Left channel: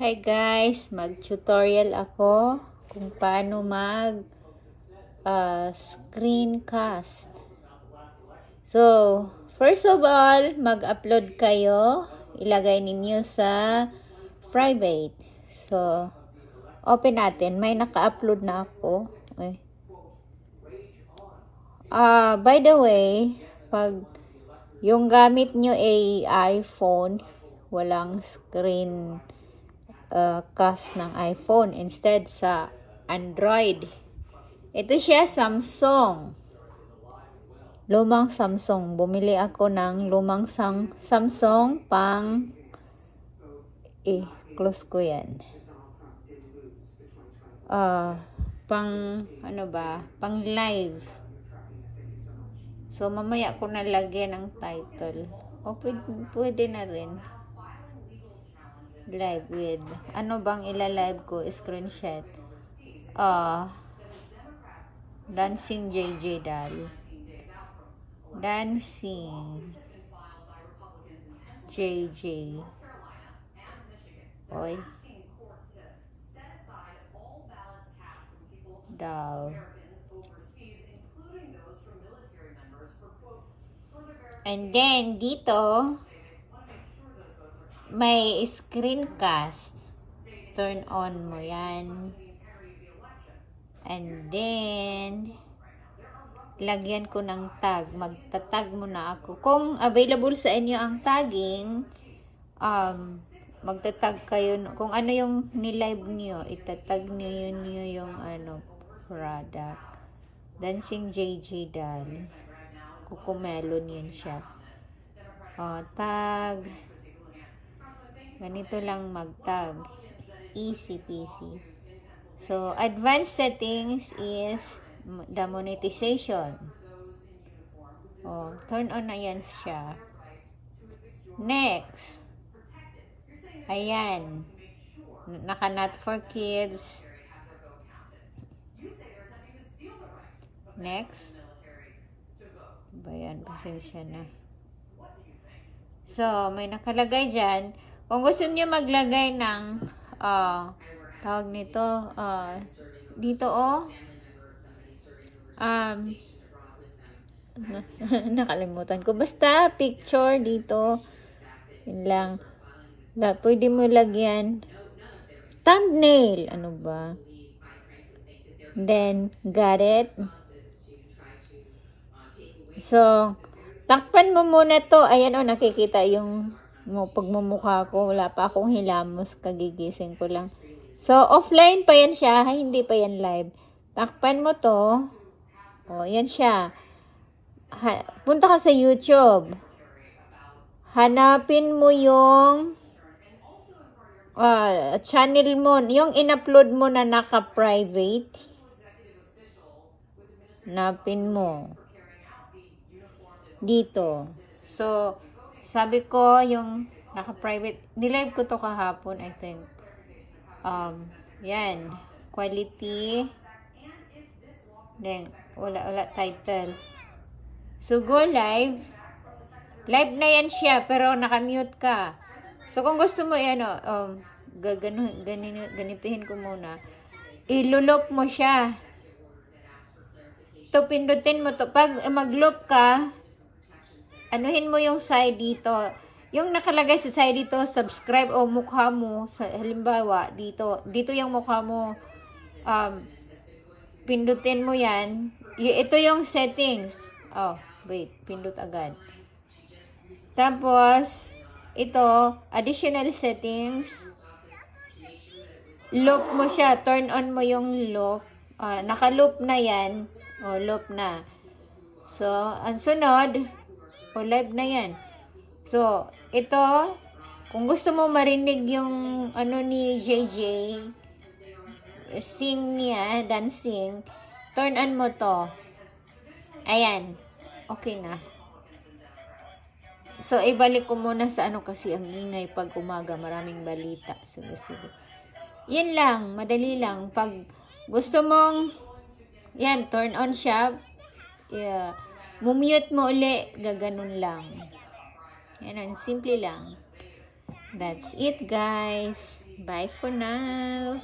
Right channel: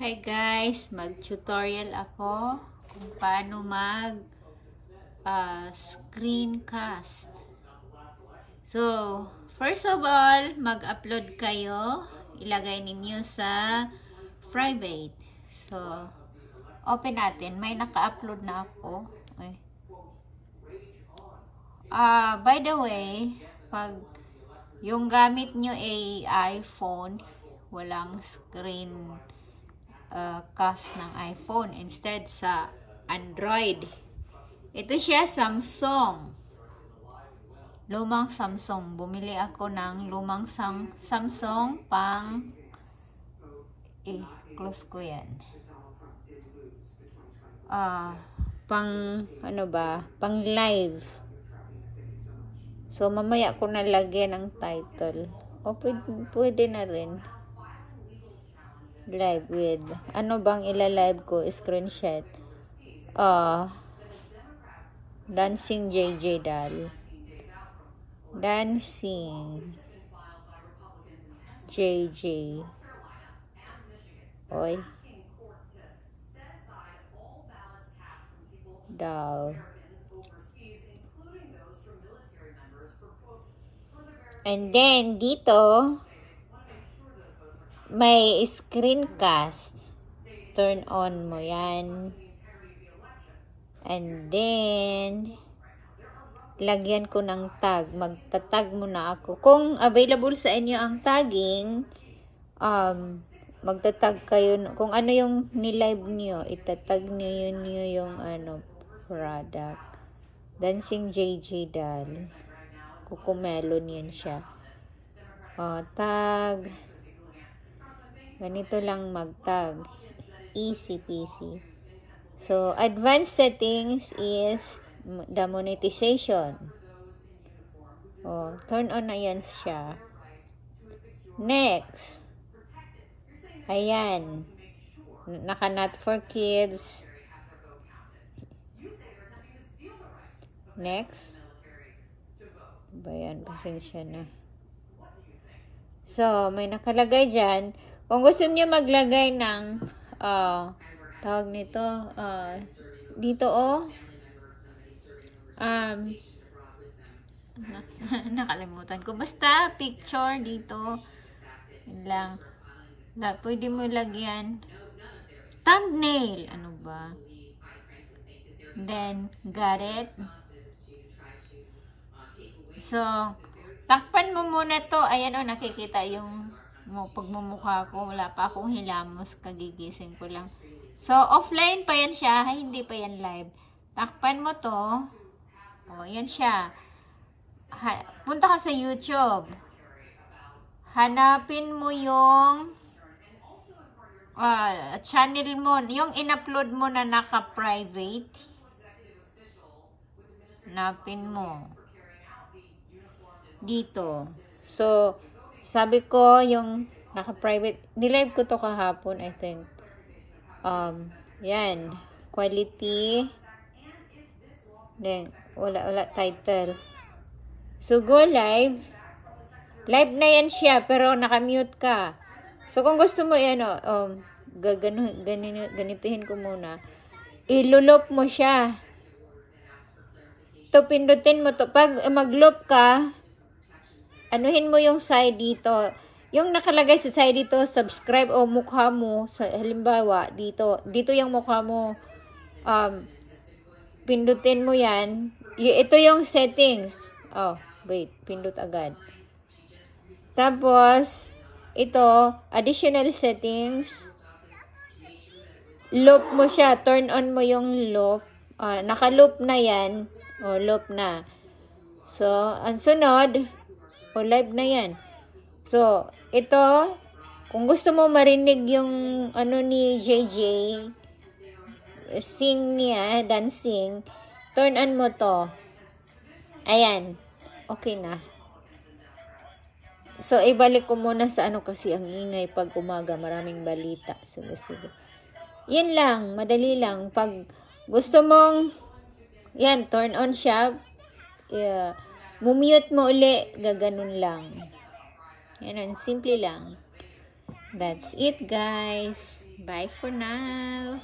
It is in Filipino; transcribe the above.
Hi guys, mag-tutorial ako kung paano mag screencast. So, first of all, mag-upload kayo. Ilagay ninyo sa private. So, open natin. May naka-upload na ako. Okay. By the way, pag yung gamit nyo ay iPhone, walang screen cast ng iPhone, instead sa Android. Ito siya, Samsung. Lumang Samsung. Bumili ako ng lumang Samsung pang close ko yan. Pang ano ba? Pang live. So mamaya ko nalagyan ng title. O pwede na rin. Live with ano bang ila-live ko? Screenshot. Dancing JJ Dal. Dancing JJ. Oy. Dal. And then dito may screencast. Turn on mo yan. And then, lagyan ko ng tag. Magta-tag muna ako. Kung available sa inyo ang tagging, magta-tag kayo. Kung ano yung nilive nyo, itatag nyo yung product. Dancing JJ Dal. Kukumelon yan siya. Tag. Ganito lang mag-tag. Easy peasy. So, advanced settings is the monetization. Turn on na yan siya. Next. Ayan. Naka-not for kids. Next. Bayan, pasensya na. So, may nakalagay dyan. Kung gusto niyo maglagay ng tawag nito dito nakalimutan ko, basta picture dito, yun lang. Pwede mo lagyan thumbnail, ano ba, then got it. So takpan mo muna to. Ayan nakikita yung pagmumukha ko. Wala pa akong hilamos, kagigising ko lang. So, offline pa yan siya. Hindi pa yan live. Takpan mo to. Yan siya. Punta ka sa YouTube. Hanapin mo yung channel mo. Yung in-upload mo na naka-private. Hanapin mo. Dito. So, sabi ko, yung naka-private, nilive ko to kahapon, I think. Yan. Quality. Then, wala title. So, go live. Live na yan siya, pero naka-mute ka. So, kung gusto mo, ganituhin ko muna. Ilulop mo siya. To, pindutin mo to. Pag mag-loop ka, anuhin mo yung side dito. Yung nakalagay sa side dito, subscribe o mukha mo. Halimbawa, dito yung mukha mo. Pindutin mo yan. Ito yung settings. Wait. Pindut agad. Tapos, ito, additional settings. Loop mo siya. Turn on mo yung loop. Naka-loop na yan. Loop na. So, ang sunod, live na yan. So, ito, kung gusto mo marinig yung ni JJ, sing niya, dancing, turn on mo to. Ayan. Okay na. So, ibalik ko muna sa kasi ang ingay pag umaga, maraming balita. Sige. Yan lang, madali lang. Pag gusto mong, yan, turn on siya, mumute mo uli, gaganon lang. Yan, simple lang. That's it, guys. Bye for now.